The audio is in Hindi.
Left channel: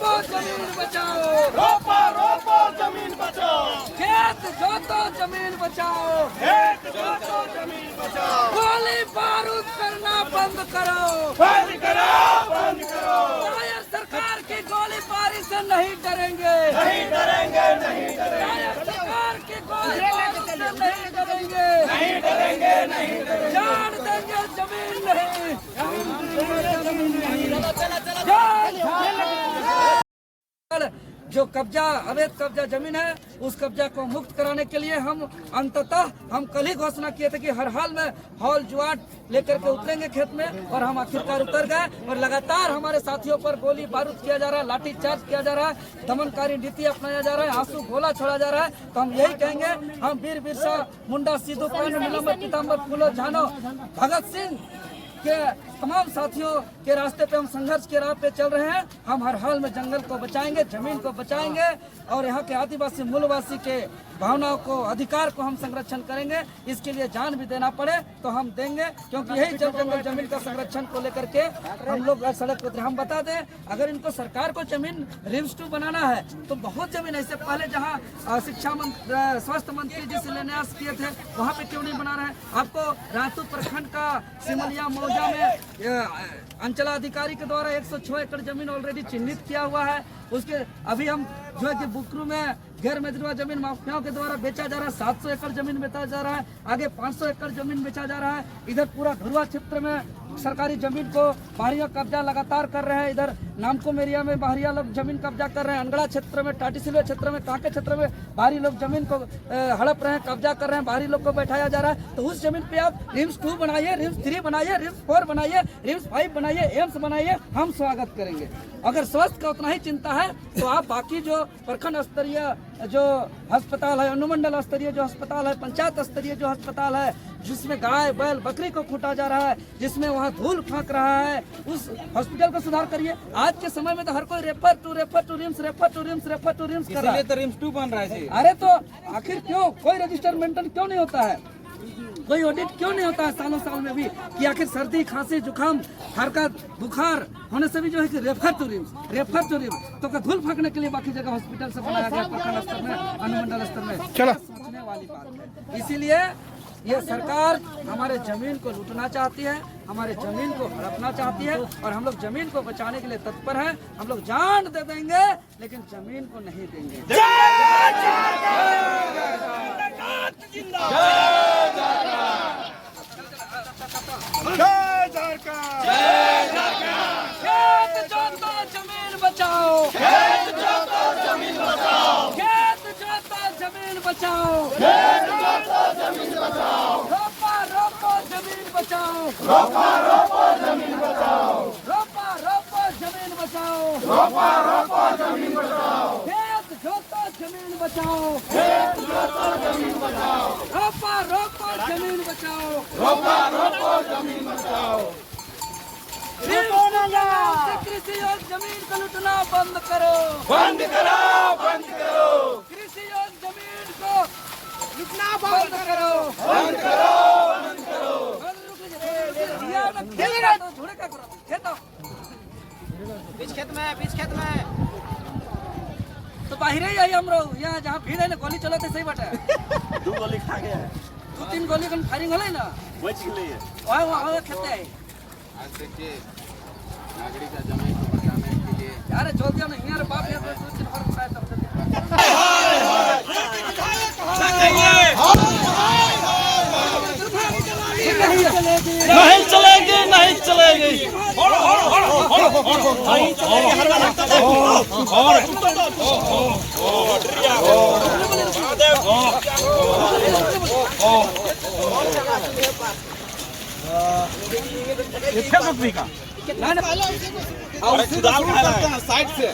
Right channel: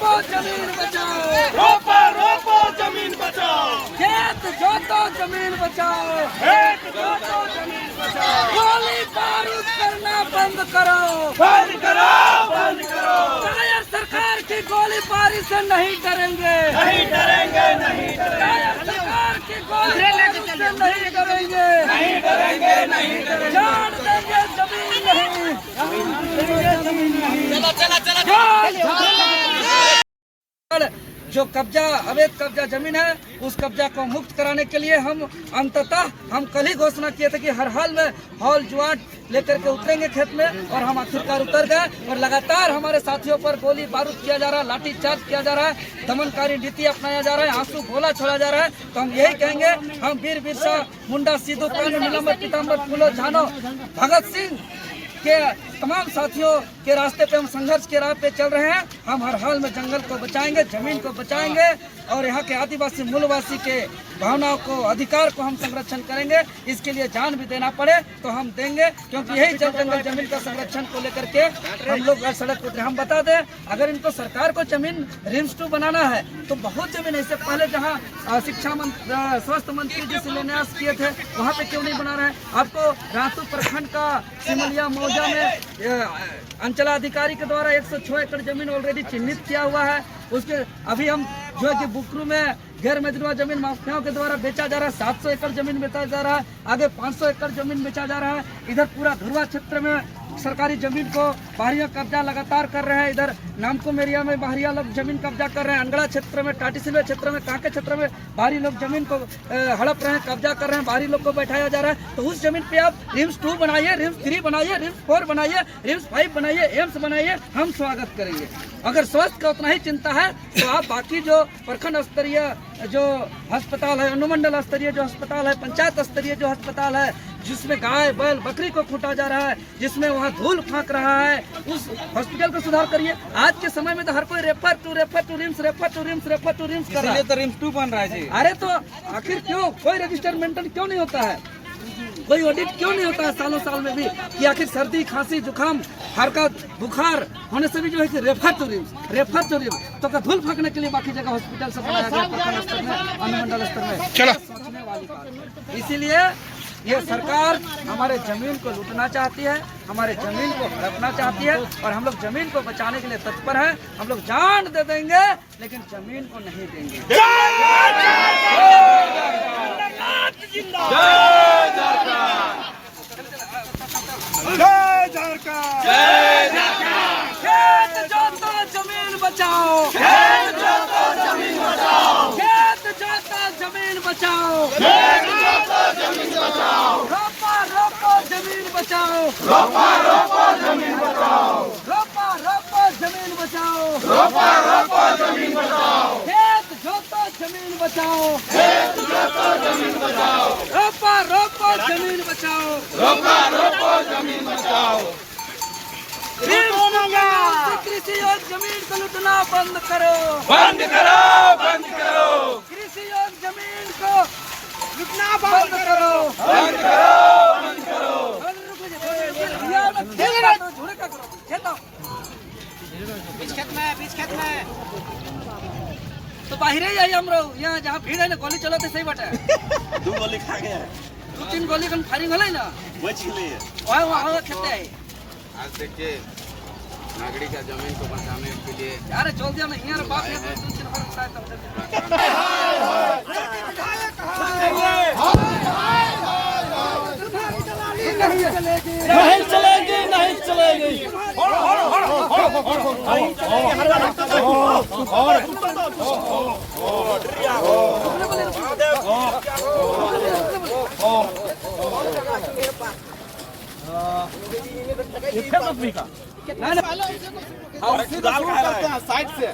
रोको जमीन बचाओ, रोको जमीन बचाओ, खेत जोतो जमीन बचाओ, खेत जोतो जमीन बचाओ, गोली बारूद करना बंद करो, बंद करो, बंद करो, कायर सरकार की गोलीबारी से नहीं डरेंगे, नहीं डरेंगे, नहीं डरेंगे, कायर सरकार की गोलीबारी से नहीं डरेंगे, नहीं डरेंगे, नहीं डरेंगे, जान देंगे जमीन नहीं, जो कब्जा अवैध कब्जा जमीन है उस कब्जा को मुक्त कराने के लिए हम अंततः हम कल ही घोषणा किए थे कि हर हाल में हॉल जुआट लेकर के उतरेंगे खेत में, और हम आखिरकार उतर गए और लगातार हमारे साथियों पर गोली बारूद किया जा रहा है, लाठी चार्ज किया जा रहा है, दमनकारी नीति अपनाया जा रहा है, आंसू गोला छोड़ा जा रहा है। तो हम यही कहेंगे, हम वीर बिरसा मुंडा, सिद्धू कानू, नीलम्बर, पीताम्बर, फूलो, झानो, भगत सिंह के तमाम साथियों के रास्ते पे हम संघर्ष के राह पे चल रहे हैं। हम हर हाल में जंगल को बचाएंगे, जमीन को बचाएंगे और यहाँ के आदिवासी मूलवासी के भावनाओं को, अधिकार को हम संरक्षण करेंगे। इसके लिए जान भी देना पड़े तो हम देंगे, क्योंकि यही जल जंगल जमीन का संरक्षण को लेकर के हम लोग सड़क उतरे। हम बता दें, अगर इनको सरकार को जमीन रिम्स 2 बनाना है तो बहुत जमीन है। इससे पहले जहाँ शिक्षा मंत्री, स्वास्थ्य मंत्री जी शिलान्यास किए थे वहाँ पे क्यों नहीं बना रहे हैं? आपको रातू प्रखंड का सिमलिया मौजा में अंचलाधिकारी के द्वारा 106 एकड़ जमीन ऑलरेडी चिन्हित किया हुआ है। उसके अभी हम जो है कि बुकरू में गैर मजरूआ जमीन माफियाओं के द्वारा बेचा जा रहा है, 700 एकड़ जमीन बेचा जा रहा है, आगे 500 एकड़ जमीन बेचा जा रहा है। इधर पूरा धुरवा क्षेत्र में सरकारी जमीन को बाहरिया कब्जा लगातार कर रहे हैं। इधर नामकुम एरिया में बाहरिया लोग जमीन कब्जा कर रहे हैं, अंगड़ा क्षेत्र में, टाटीसिलवे क्षेत्र में, कांके क्षेत्र में बाहरी लोग जमीन को हड़प रहे हैं, कब्जा कर रहे हैं, बाहरी लोग को बैठाया जा रहा है। तो उस जमीन पे आप रिम्स 2 बनाइए, रिम्स 3 बनाइए, रिम्स 4 बनाइए, रिम्स 5 बनाइए, एम्स बनाइए, हम स्वागत करेंगे। अगर स्वास्थ्य का उतना ही चिंता है तो आप बाकी जो प्रखंड स्तरीय जो अस्पताल है, अनुमंडल स्तरीय जो अस्पताल है, पंचायत स्तरीय जो अस्पताल है, जिसमें गाय बैल बकरी को कूटा जा रहा है, जिसमें वहाँ धूल फेंक रहा है, उस हॉस्पिटल को सुधार करिए। आज के समय में तो हर कोई refer to RIMS, refer to RIMS, refer to RIMS कर रहा है। तो रिम्स 2 बन रहा है जी। अरे तो आखिर क्यों कोई रजिस्टर मेंटेन क्यों नहीं होता है? कोई ऑडिट क्यों नहीं होता है सालों साल में भी, कि आखिर सर्दी खांसी जुकाम हरकत बुखार होने से भी जो है कि रेफर टू रिम्स तो धूल फेंकने के लिए बाकी जगह हॉस्पिटल से बनाया गया, प्रखंड स्तर में, अनुमंडल स्तर में। चलो, सोचने वाली बात। इसीलिए ये सरकार हमारे जमीन को लूटना चाहती है, हमारे जमीन को हड़पना चाहती है, और हम लोग जमीन को बचाने के लिए तत्पर हैं। हम लोग जान दे देंगे लेकिन जमीन को नहीं देंगे। खेत जोतो जमीन बचाओ, खेत जोतो जमीन बचाओ, खेत जोतो जमीन बचाओ, खेत जोतो जमीन बचाओ, रोपा रोपो जमीन बचाओ, रोपा रोपो जमीन बचाओ, रोपा रोपो जमीन बचाओ, रोपा रोपो जमीन बचाओ, खेत जोतो जमीन बचाओ, खेत जोतो जमीन बचाओ, रोपा रोपो जमीन बचाओ, रोपा रोपो जमीन बचाओ। कृषि और जमीन को लूटना बंद करो, बंद करो, बंद करो। कृषि और जमीन को लूटना बंद करो, बंद करो, बंद करो। बीच खेत में तो बाहर ही आई हम लोग, यहाँ जहाँ भीड़ है ना गोली चलाते सही बाटे। 2 गोली खा गया, 2-3 गोली का फायरिंग होले ना, बच गए। वहाँ खेते है। आज देखिए नागरिक का जमीन को बचाने के लिए अरे चल दिया ना यार, बाप ने 2-3 बार बताया था। नहीं चलेगी, नहीं चलेगी। ना साइड से